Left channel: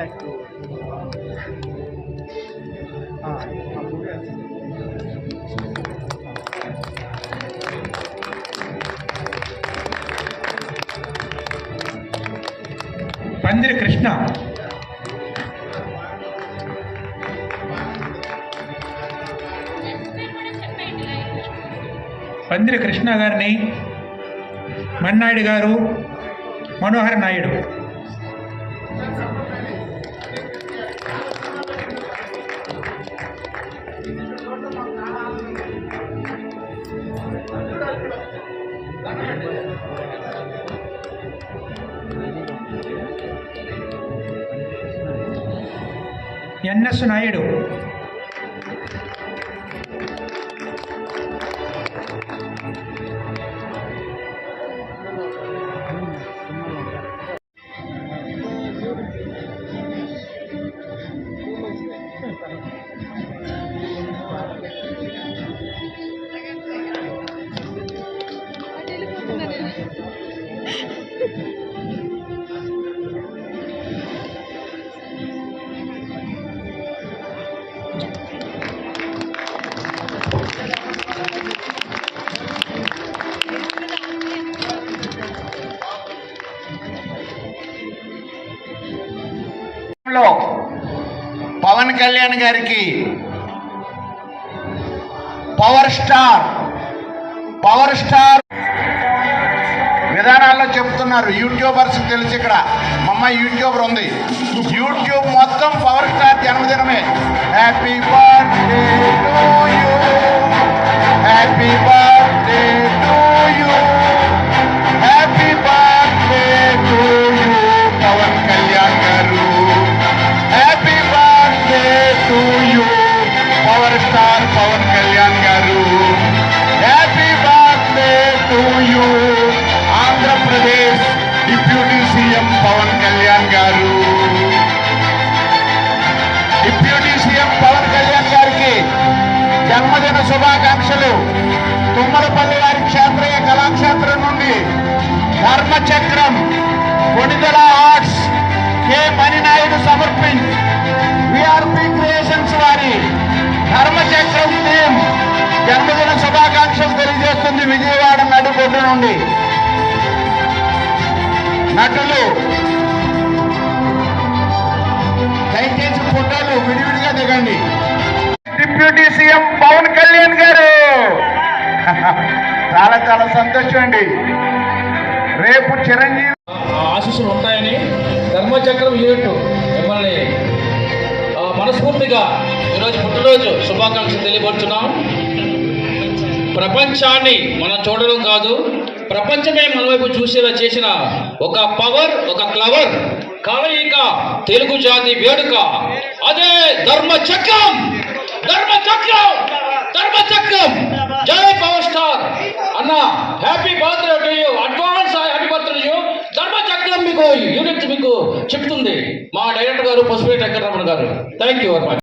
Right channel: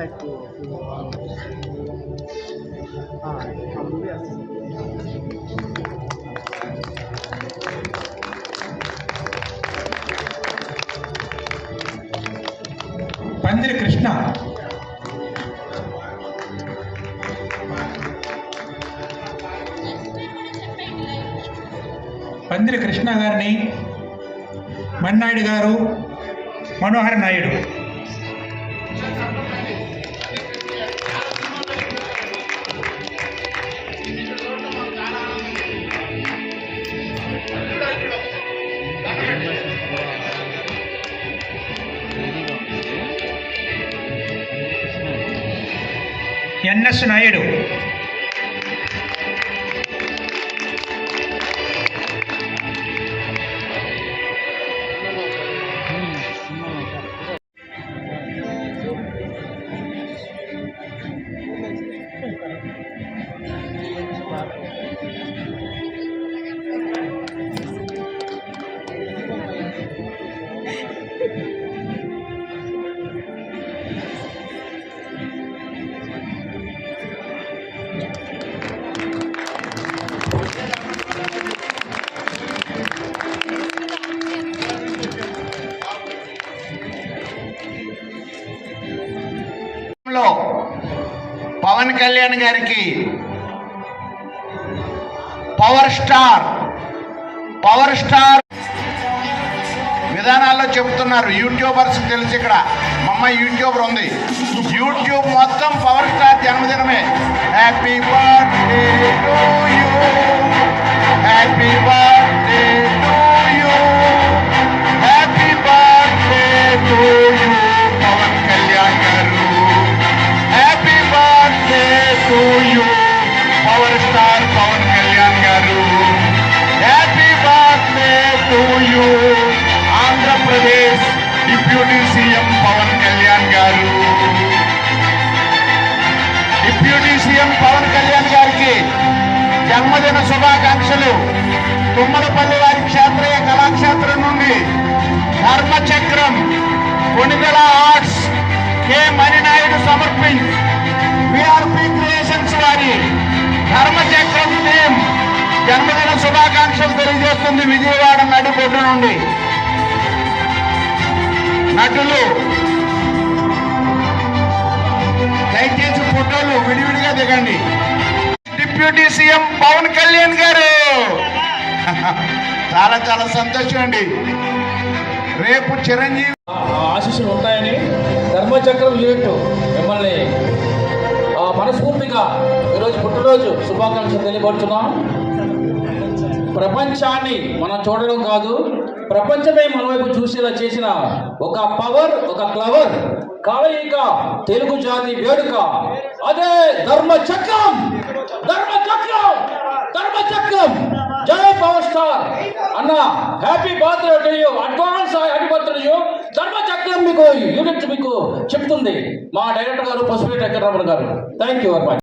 పందిరి కృష్ణ, పందిరి కృష్ణ గారిని మన్నాయుడు గారు, మనోహర్ నాయుడు. ఎన్ఎస్ నాయుడు, పవన్ కళ్యాణ్ గారికి పవర్ స్టార్ విధానాల్లో చెప్తున్నారు. యూట్యూబర్స్ తెలిసి ఇక్కడ మమ్మ యూట్యూబర్ ఉంది. యూట్యూబ్ మొత్తం పవర్ స్టార్ జన్మదినమే. Happy birthday to you, happy birthday to you, happy birthday to you Pawan Kalyan garu, happy birthday to you power star Pawan Kalyan garu, happy birthday to you Andhra Pradesh deputy CM Pawan Kalyan garu. Deputy CM Pawan Kalyan గారికి జన్మదిన శుభాకాంక్షలు. తుమ్మలపల్లి వారి క్షేత్రీయ కళాక్షేత్రం నుండి ధర్మచక్రం కొణిదెల ఆర్ట్స్ కె మణినాయుడు సమర్పించి VRP creations వారి ధర్మచక్రం team జన్మదిన శుభాకాంక్షలు తెలియజేస్తుంది. విజయవాడ నడిబొడ్డు నుండి నటులు దయచేసి ఫోటోలు విడివిడిగా దిగండి. డిప్యూటీ సీఎం పవన్ కళ్యాణ్ గారు చాలా చాలా సంతోషం అండి. రేపు చిరంజీవి ఆశీస్సులు ఉంటాయని ధర్మచక్రం యూనిట్ మిమ్మల్ని మనస్ఫూర్తిగా ఈరోజు పుట్టినరోజు శుభాకాంక్షలు తెలియపరుచున్నాం. ప్రపంచాన్ని మనం చూడడం కాదు, ప్రపంచమే మన వైపు చూసేలా చేసిన ఒక పవర్, ఒక క్లవర్ కలయిక తెలుగు జాతి వేడుక అదే ధర్మచక్రం. ధర్మచక్రం ధర్మచక్రం జై పవర్ స్టార్ అన్న. Happy birthday to you, advance happy birthday to you. ధర్మచక్రం మీకు యూనిట్ మీకు చెప్తుంది మా డైరెక్టర్ గారు పసుపు వెంకటరమణ గారు. Thank you very much.